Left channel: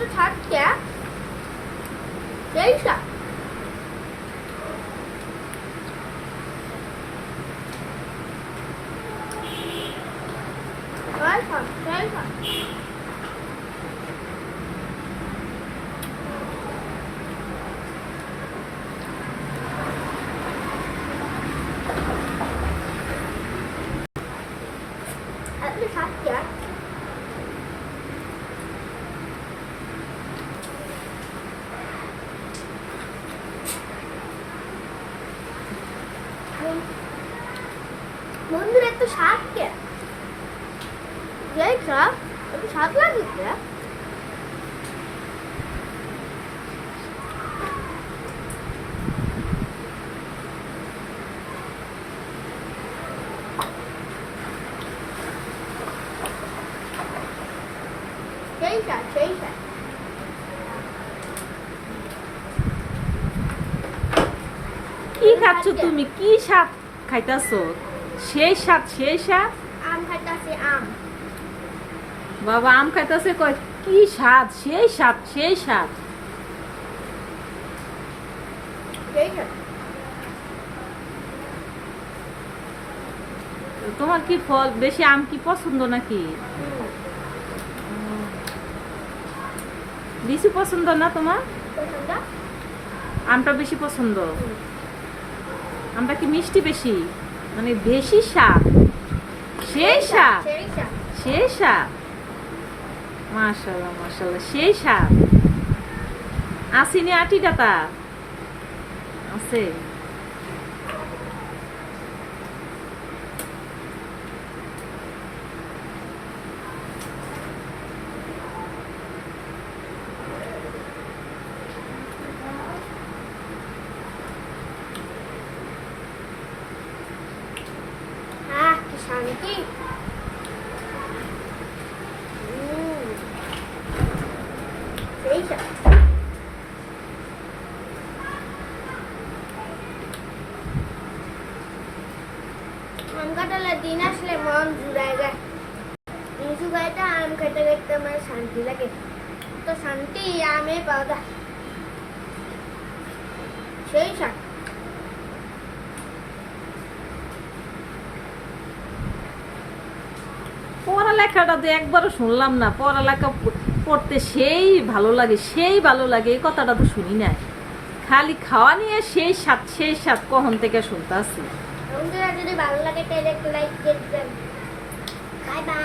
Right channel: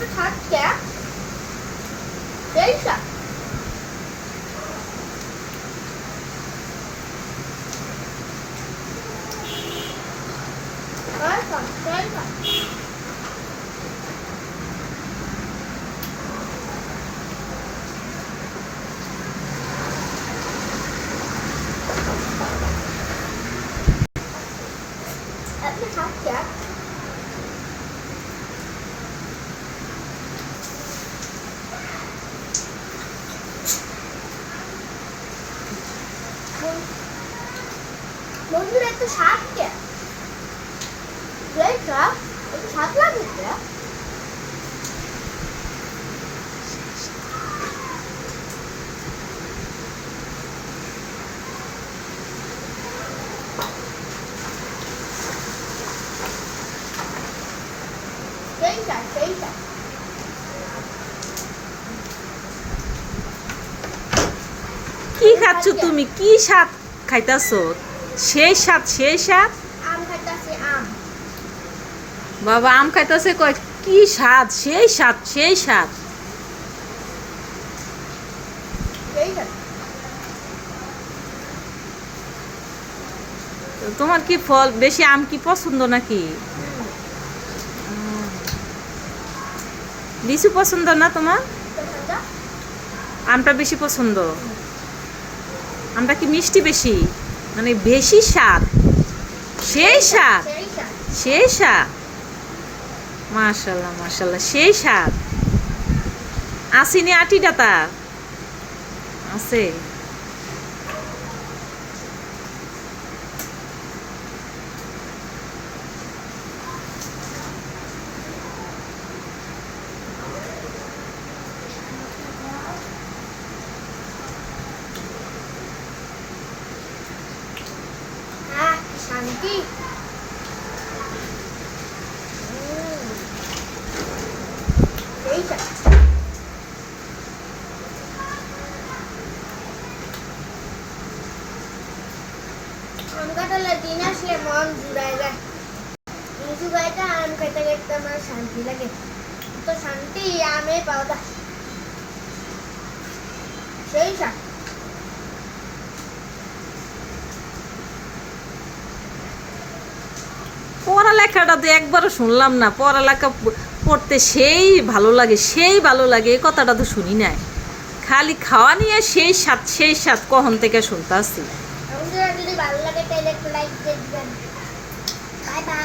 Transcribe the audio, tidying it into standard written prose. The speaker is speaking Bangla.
তো থাকছে সেই স্বাদ। আপনি থাকছে বন্ধুরা একটু স্বাদ কে একটু স্বাদ লাগছে। সেই স্বাদ সেই স্বাদ। কি খাচ্ছ তুমি? কি স্বাদ খাইতাছো? সেই স্বাদ সেই স্বাদ। আম খাইতাছে আম। বাবা আম খাইতাছে কয় কি স্বাদ সেই স্বাদ সেই স্বাদ। সেই স্বাদ। তোমার কি ফল বেশি আম কি পছন্দ নাকি? লিচু পছন্দ না তোমার? আমটা বেশি পছন্দ। আমটা কি মিষ্টি বেশি, মানে বেশি স্বাদ সেই স্বাদ সেই স্বাদ। সেই স্বাদ। মাশাআল্লাহ মাশাআল্লাহ সেই স্বাদ। আসিনি আটিটা তার আছে। আহ কি শান্তি। সেই স্বাদ। আম কাঁঠালের দিন আসলে মন জুড়ায় যায়। লিচু গাইটা আম খাইতে খাইতে আমার শান্তি লাগে। তো শান্তি আমে পাওয়া যায়। সেই স্বাদ। পড়ালেখাটা তো একবারও শুনলাম না। পড়ালেখা পড়তে সেই ভালো লাগে সেই ভালো লাগে, এই কথাটা তো শুনি নাই। খালি খাওয়া নিয়ে সেই স্বাদ কখন থেকে শুনতে আসছি। বন্ধুরা যদি ভালো লাগে তাহলে একটু লাইক দিয়ে দিবেন। Bye bye.